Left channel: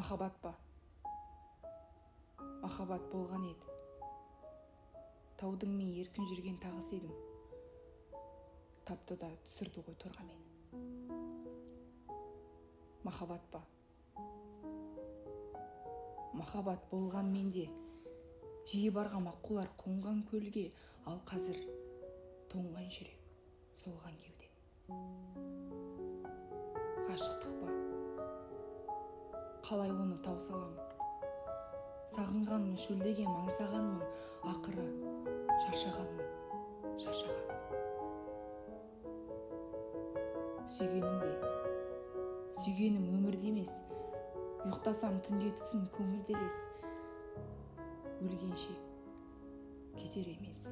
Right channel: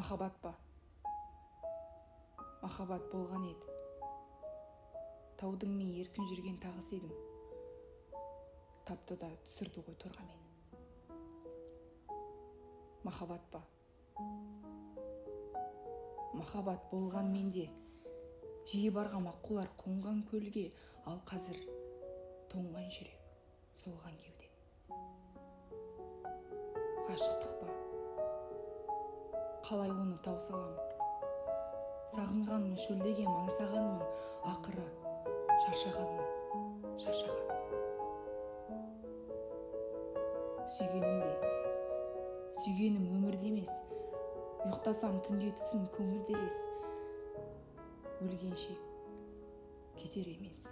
Махаббат па? Махаббат болған еді. Таудың мен еркін жүрген тағысы едім. Тапты да түсірді ғой торға мені. Махаббат па? Махаббат болған менде. Жиі барғам аққулар қонған көлге, ал қазір тоңған жүрек, солған кеуде. Ғашықтық па? Қалай оны таусалам? Сағынғанмын, шөлдеген аңсағанмын, ақыры шаршағанмын. Сүйгенім бе? Сүйгенім өмірде емес. Ұйықтасам түнде түсін көңілделес. Өлгенше кетер емес.